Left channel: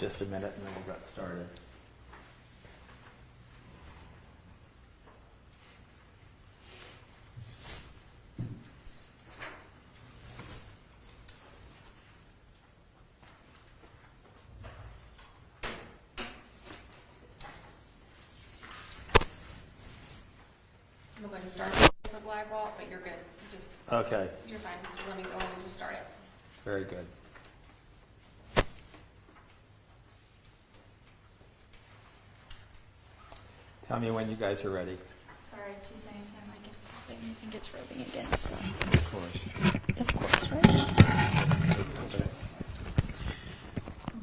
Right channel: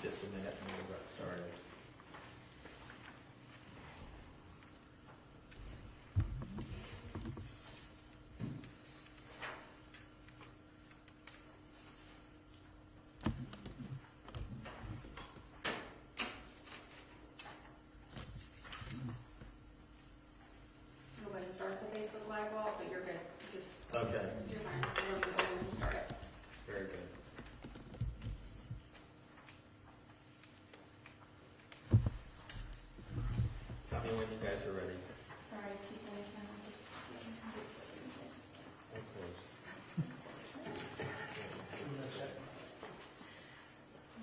just a minute and then we'll get started. I'm going to start the Facebook Live wall, but you're good. Just Okay, you're fine. So let me go ahead and start it. very good. Tell me when you guys are ready. Sorry, 2 seconds. My mic is popping. I think it's rolling again. So. Of course. Of course, right?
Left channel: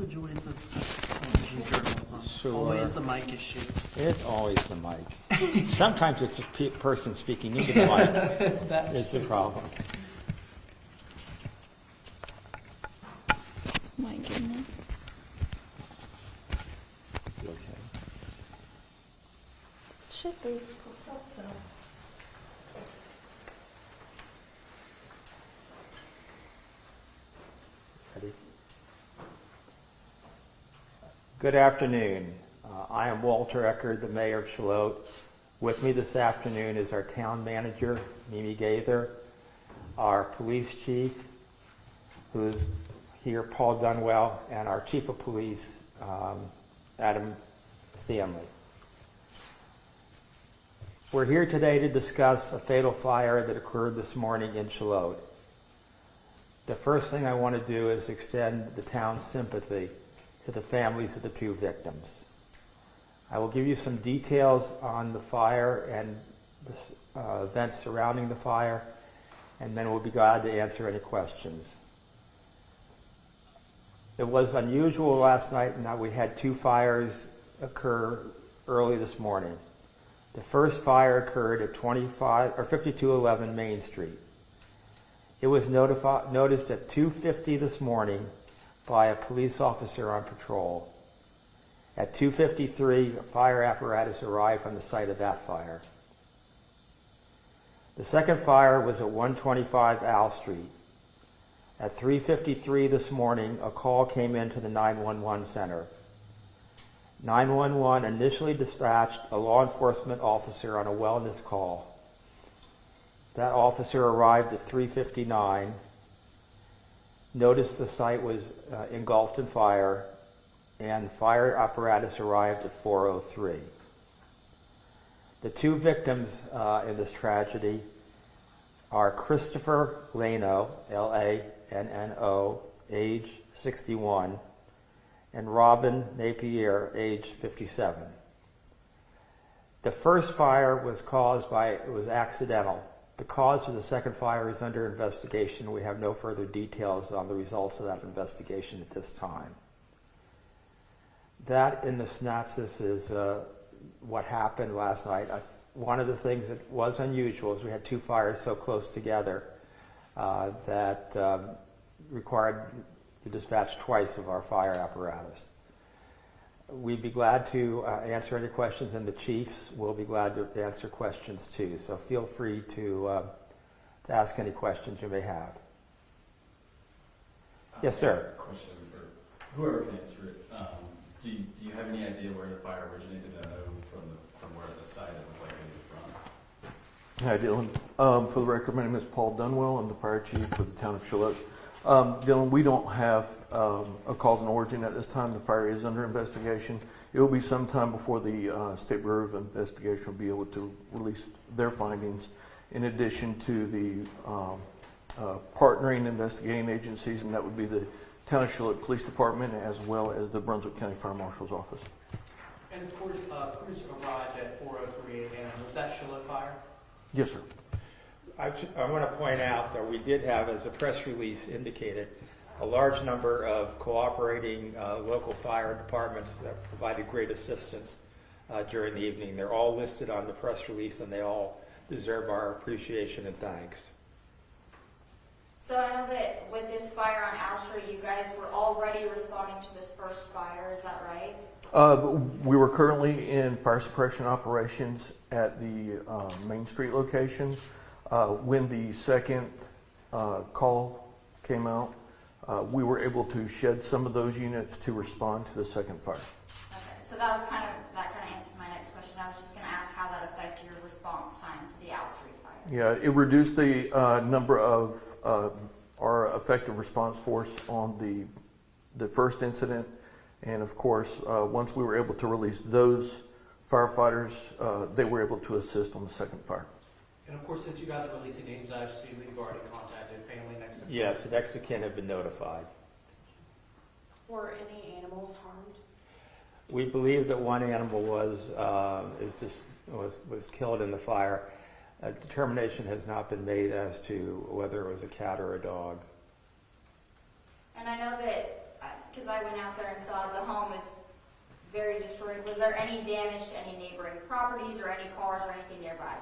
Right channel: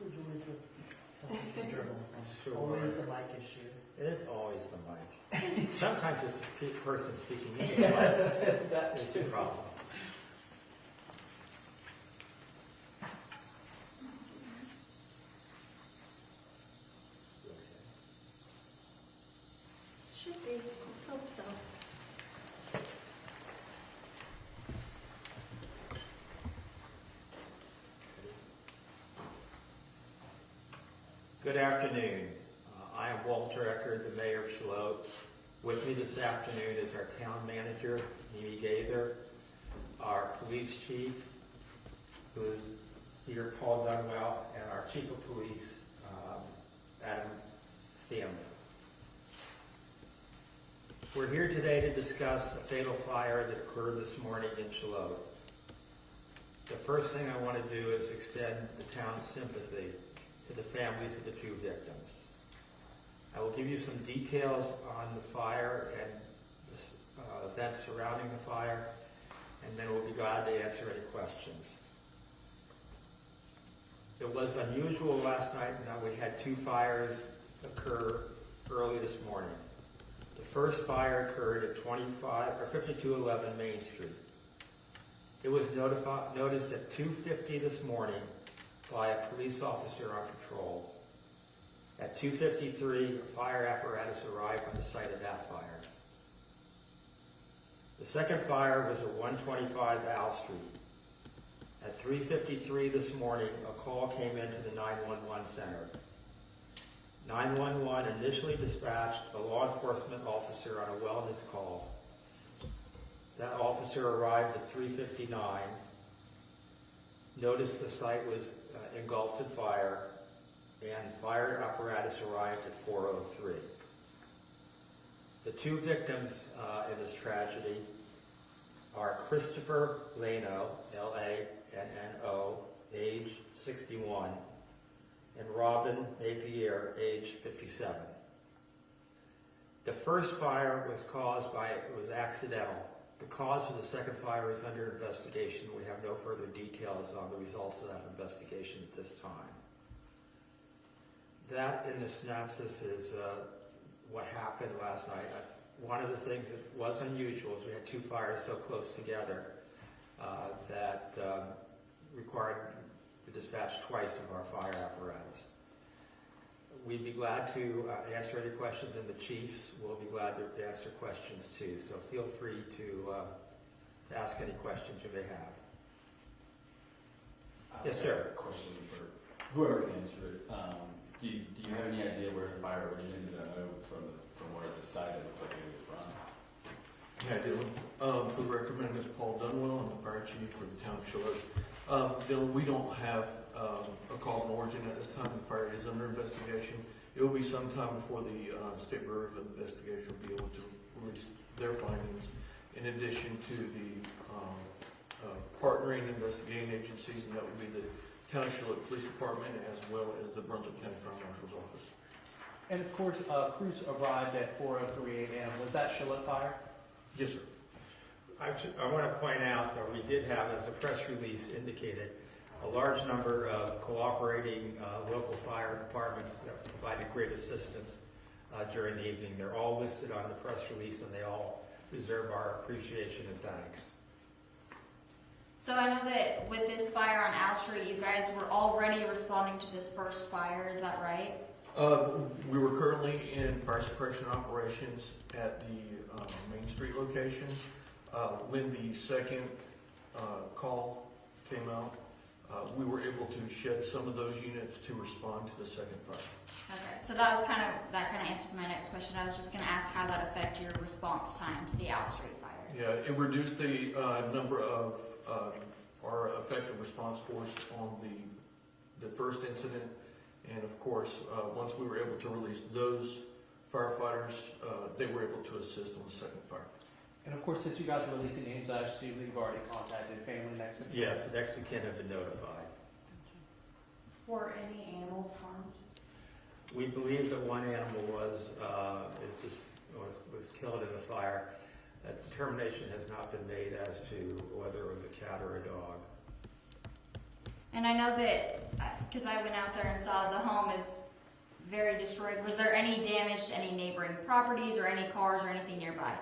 The joys of journalism. Sure. Always a mic issue. It's always the mic. Sometimes it's a person speaking into the mic. It's the problem. My goodness. It's okay. Should be. Let's hope so. Ready? Good afternoon. I am Walter Eckert, the mayor of Shallotte. With me this afternoon is our town manager, Mimi Gaither, our police chief, who is here, Paul Dunwell, and our chief of police, Adam Stanley. We're here today to discuss a fatal fire that occurred this morning in Shallotte. The first thing I want to do is extend the town's sympathy to the families of the 2 victims. I will give you some details on the fire and the events surrounding the fire, and then we'll be glad to answer any questions. It was unusual last night in that we had 2 fires occur early this morning. The first fire occurred at 5211 Main Street. It was noticed at 2:50 this morning by a police officer on patrol. At 2:53, a fire apparatus arrived on the site of that fire. The second fire was at 125 Al Street. At 3:53 this morning, a call came into the 911 center. 911 initially dispatched a law enforcement officer on a wellness call. That officer arrived at 3:59, noticed the site was engulfed in fire, and fire apparatus arrived at 4:03. The 2 victims in this tragedy are Christopher Lano, L-A-N-N-O, age 61, and Robin Napier, age 57. The first fire was accidental. The cause of the second fire is under investigation. We have no further details on the results of that investigation at this time. That, in the synopsis, is what happened last night. One of the things that was unusual is we had 2 fires so close together that required to dispatch twice of our fire apparatus. We'd be glad to answer any questions, and the chiefs will be glad to answer questions too. So feel free to ask any questions you may have. Yes, sir. Question for whoever can answer it. Do you have any idea where the fire originated? I know from where the side it looked like maybe from. Hi, Dylan. For the record, my name is Paul Dunwell. I'm the fire chief for the town of Shallotte. Dylan, we don't have a cause and origin at this time. The fire is under investigation. It will be some time before the State Bureau of Investigation will be able to release their findings, in addition to the partnering investigating agencies, and that would be the Town of Shallotte Police Department as well as the Brunswick County Fire Marshal's Office. And of course, crews arrived at 4:03 a.m. Was that Shallotte fire? Yes, sir. I want to point out that we did have, as the press release indicated, a large number of cooperating local fire departments that provided great assistance during the evening. They're all listed on the press release, and they all deserve our appreciation and thanks. So I know that with this fire on Al Street, you guys were already responding to this first fire, is that right? We were currently in fire suppression operations at the Main Street location. When the second call came out, we were able to shed some of those units to respond to the second fire. Okay, so that kind of answers my next question. I was just gonna ask how that affected your response time to the Owl Street fire. Yeah, it reduced the number of our effective response force on the first incident, and of course, once we were able to release those firefighters, they were able to assist on the second fire. And of course, since you guys are releasing names, I assume you've already contacted family next to kin. Yes, the next of kin have been notified. Were any animals harmed? We believe that one animal was killed in the fire. A determination has not been made as to whether it was a cat or a dog. And I know that, because I went out there and saw the home is very destroyed. Was there any damage to any neighboring properties or any cars or anything nearby?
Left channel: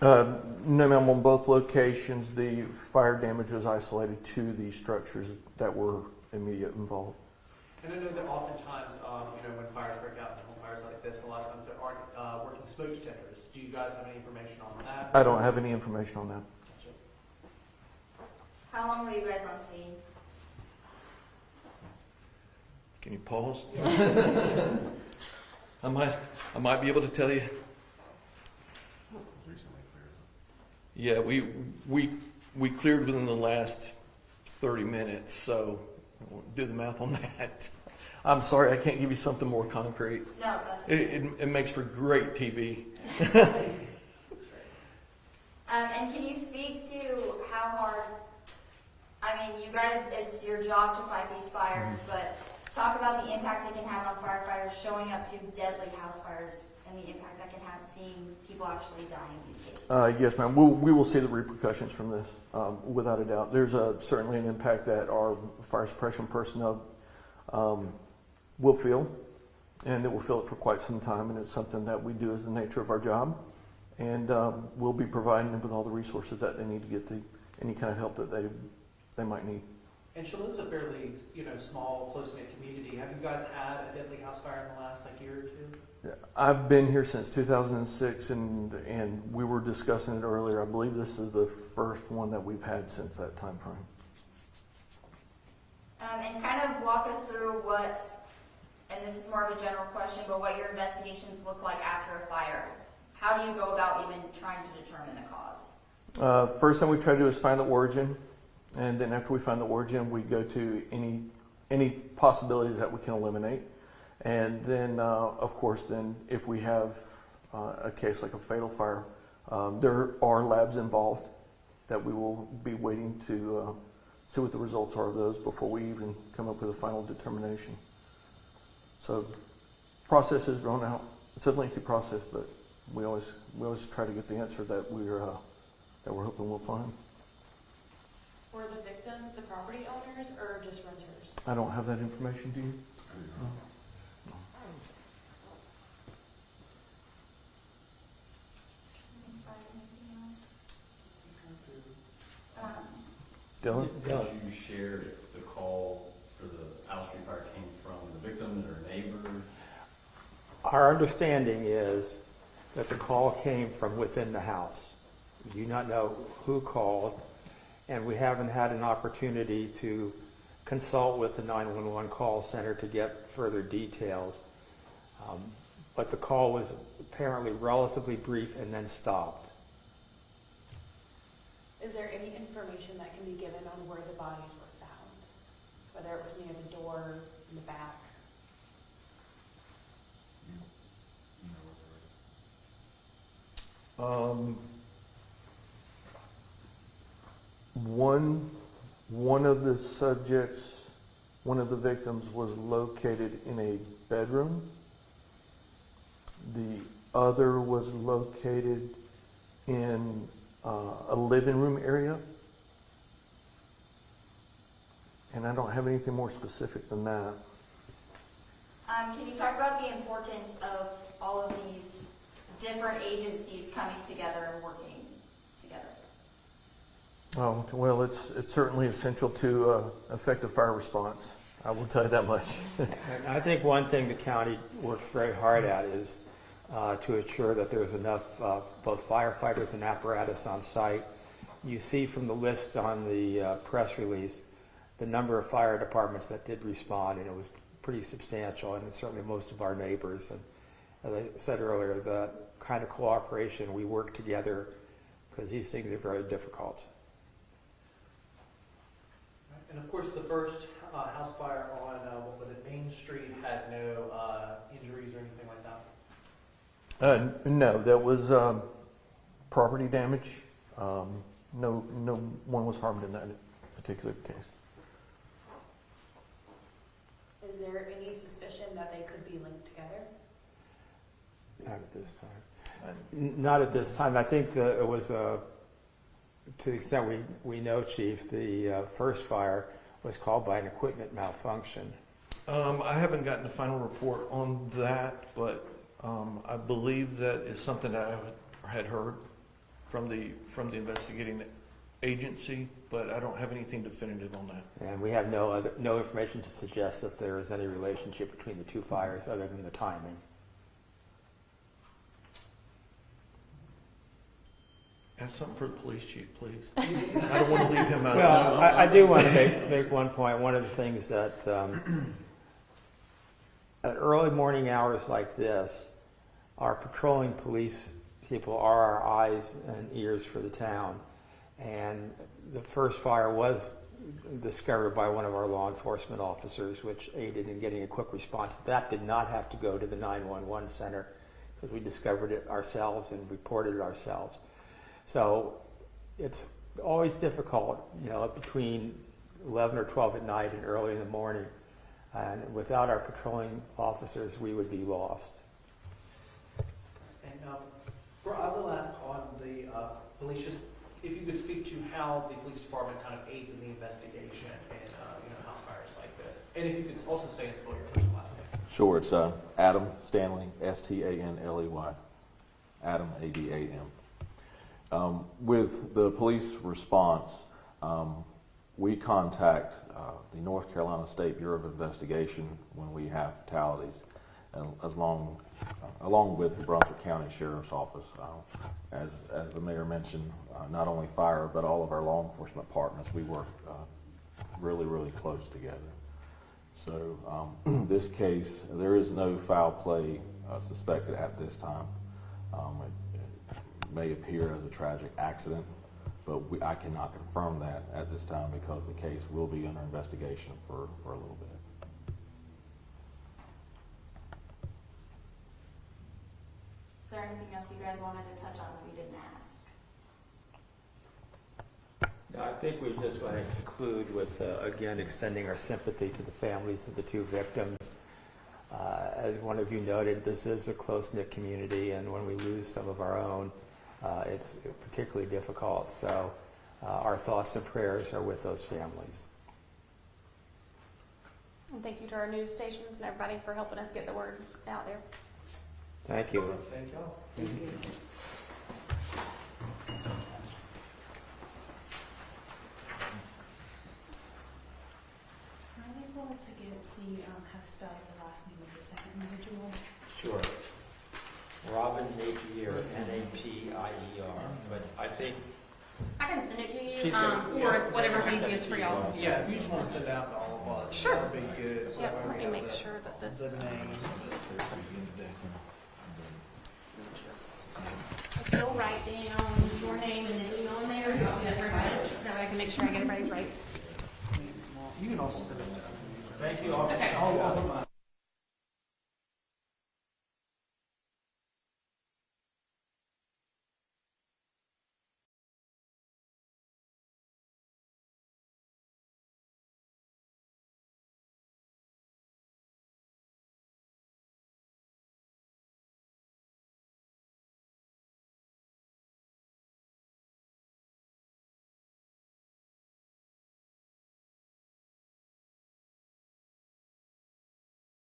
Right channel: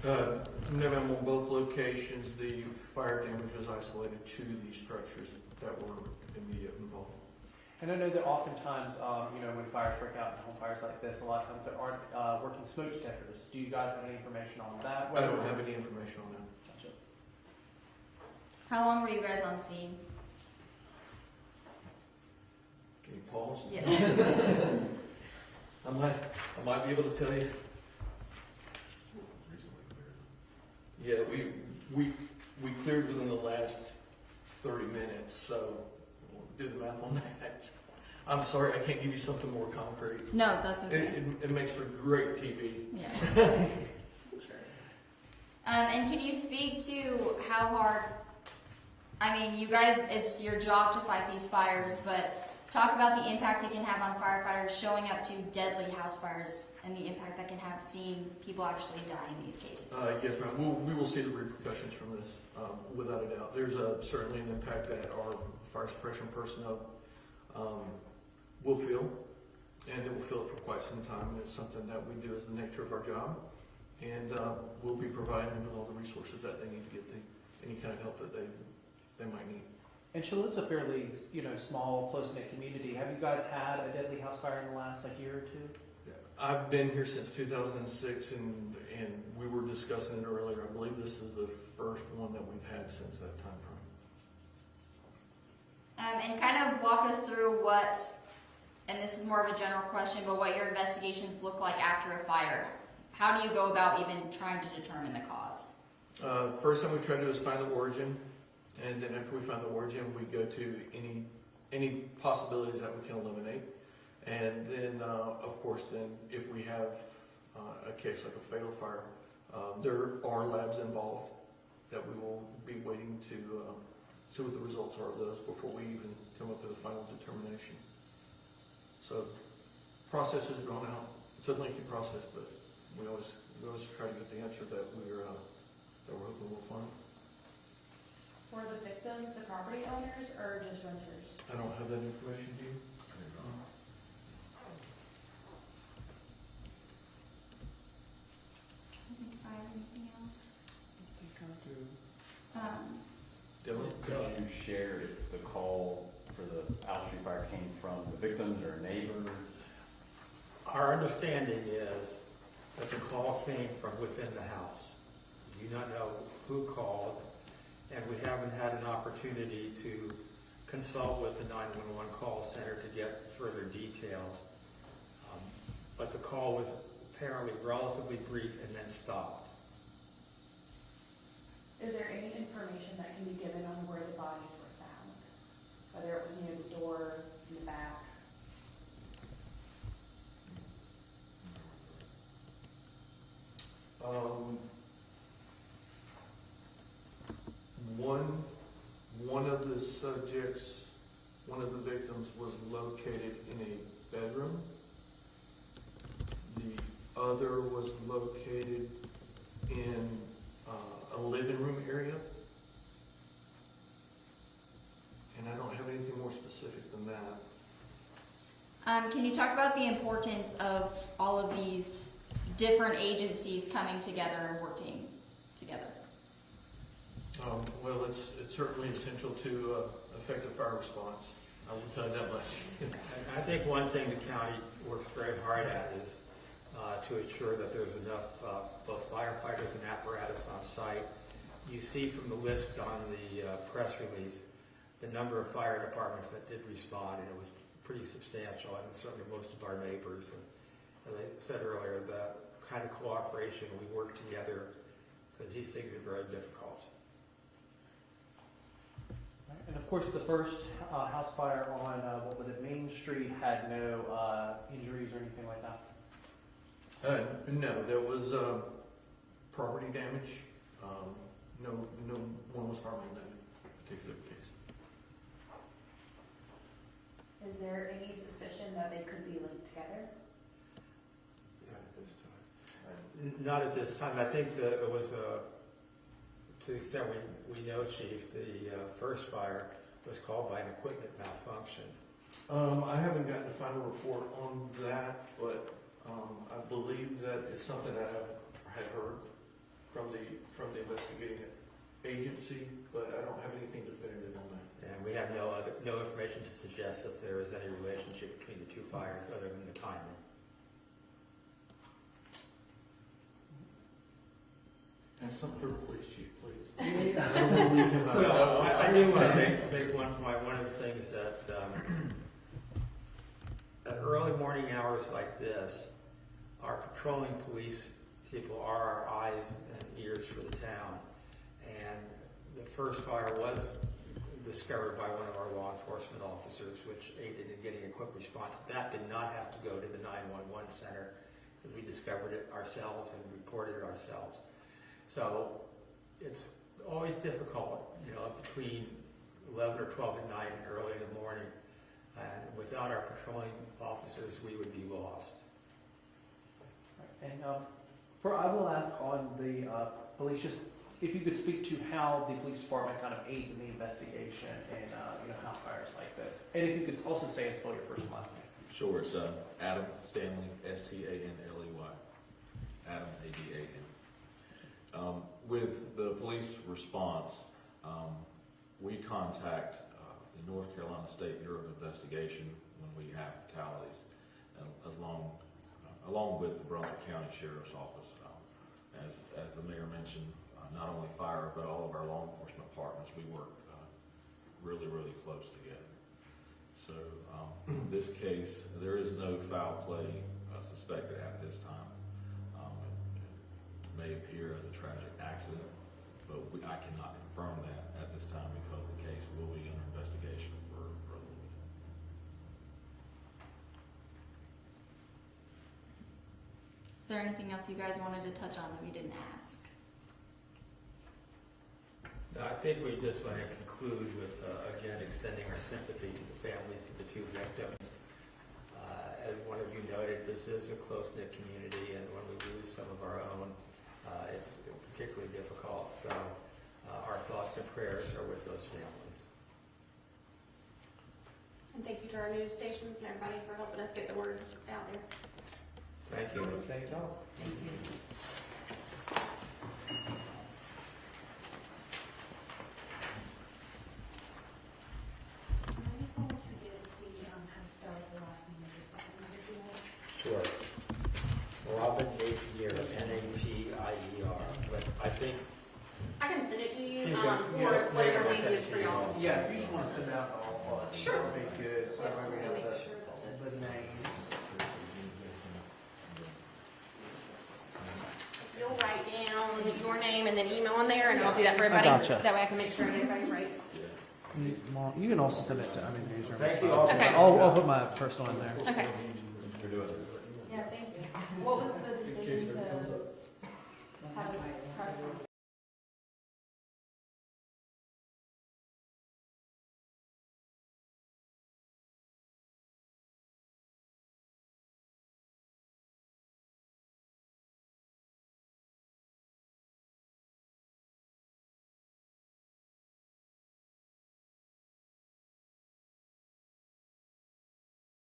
No, ma'am. On both locations, the fire damage was isolated to the structures that were immediately involved. And I know that oftentimes, when fires break out in home fires like this, a lot of times there aren't working smoke detectors. Do you guys have any information on that? I don't have any information on that. Gotcha. How long were you guys on scene? Can you pause? Yeah. I might be able to tell you. Yeah, we cleared within the last 30 minutes, so do the math on that. I'm sorry, I can't give you something more concrete. No, that's okay. It makes for great TV. Yeah. Sure. And can you speak to how hard, you guys, it's your job to fight these fires, but talk about the impact it can have on firefighters showing up to deadly house fires and the impact that can have seeing people actually die in these cases. Yes, ma'am. We will see the repercussions from this, without a doubt. There's certainly an impact that our fire suppression personnel will feel, and it will feel it for quite some time, and it's something that we do as the nature of our job, and we'll be providing them with all the resources that they need to get any kind of help that they might need. And Shalotte's a fairly, small, close-knit community. Have you guys had a deadly house fire in the last year or two? I've been here since 2006, and we were discussing it earlier. I believe this is the first one that we've had since that time frame. And kind of walk us through what, and this is more of a general question, but what your investigations look like after a fire. How do you go about even trying to determine the cause? First thing we try to do is find the origin, and then after we find the origin, we go to any possibilities that we can eliminate. And then, of course, then if we have a case like a fatal fire, there are labs involved that we will be waiting to see what the results are of those before we even come up with a final determination. So, process is drawn out. It's a lengthy process, but we always try to get the answer that we're hoping we'll find. Were the victims the property owners or just renters? I don't have that information, do you? Dylan? Could you share if the call for the Owl Street fire came from the victim or a neighbor? Our understanding is that the call came from within the house. We do not know who called, and we haven't had an opportunity to consult with the 911 call center to get further details. But the call was apparently relatively brief and then stopped. Is there any information that can be given on where the bodies were found? Whether it was near the door, the back? One of the subjects, one of the victims was located in a bedroom. The other was located in a living room area. And I don't have anything more specific than that. Can you talk about the importance of all of these different agencies coming together and working together? Oh, well, it's certainly essential to effective fire response. I will tell you that much. And I think one thing the county works very hard at is to ensure that there's enough both firefighters and apparatus on site. You see from the list on the press release the number of fire departments that did respond, and it was pretty substantial, and certainly most of our neighbors. And as I said earlier, the kind of cooperation, we work together because these things are very difficult. And of course, the first house fire on, what was it, Main Street had no injuries or anything like that? No, there was property damage. No one was harmed in that particular case. Is there any suspicion that they could be linked together? Not at this time. Not at this time. I think that it was, to the extent we know, Chief, the first fire was caused by an equipment malfunction. I haven't gotten the final report on that, but I believe that is something that I had heard from the investigating agency, but I don't have anything definitive on that. And we have no information to suggest that there is any relationship between the two fires other than the timing. Have something for the police chief, please. I don't want to leave him out. Well, I do want to make one point. One of the things that at early morning hours like this, our patrolling police people are our eyes and ears for the town. And the first fire was discovered by one of our law enforcement officers, which aided in getting a quick response. That did not have to go to the 911 center because we discovered it ourselves and reported it ourselves. So it's always difficult, between 11 or 12 at night and early in the morning. And without our patrolling officers, we would be lost. And I will ask on the police, just if you could speak to how the police department kind of aids in the investigation in house fires like this. And if you could also say and spell your first and last name. Sure, it's Adam Stanley, Stanley. Adam, Adam. With the police response, we contact the North Carolina State Bureau of Investigation when we have fatalities, and along with the Brunswick County Sheriff's Office. As the mayor mentioned, not only fire, but all of our law enforcement partners, we work really, really close together. So this case, there is no foul play suspected at this time. It may appear as a tragic accident, but I cannot confirm that at this time because the case will be under investigation for a little bit. Is there anything else you guys wanted to touch on that we didn't ask? No, I think we just want to conclude with, again, extending our sympathy to the families of the two victims. As one of you noted, this is a close-knit community, and when we lose some of our own, it's particularly difficult. So our thoughts and prayers are with those families. And thank you to our news stations and everybody for helping us get the word out there. Thank you. Thank you. Are you able to see how to spell the last name of the second individual? Sure. Robin Napier, Napier. But I think I can send it to you, She's gonna- or whatever's easiest for y'all. Yeah, if you just want to send it out to all of us, Sure. that would be good. So Yep, that way let we me have make the sure that this. names. If you'll write down your name and then email in there, and I'll do that for everybody. gotcha. That way I can make sure I get everybody's right. You can also send it to other users. Thank you all. Okay. I'll put my personal in there. Okay. Yeah, thank you. What was the decision to have it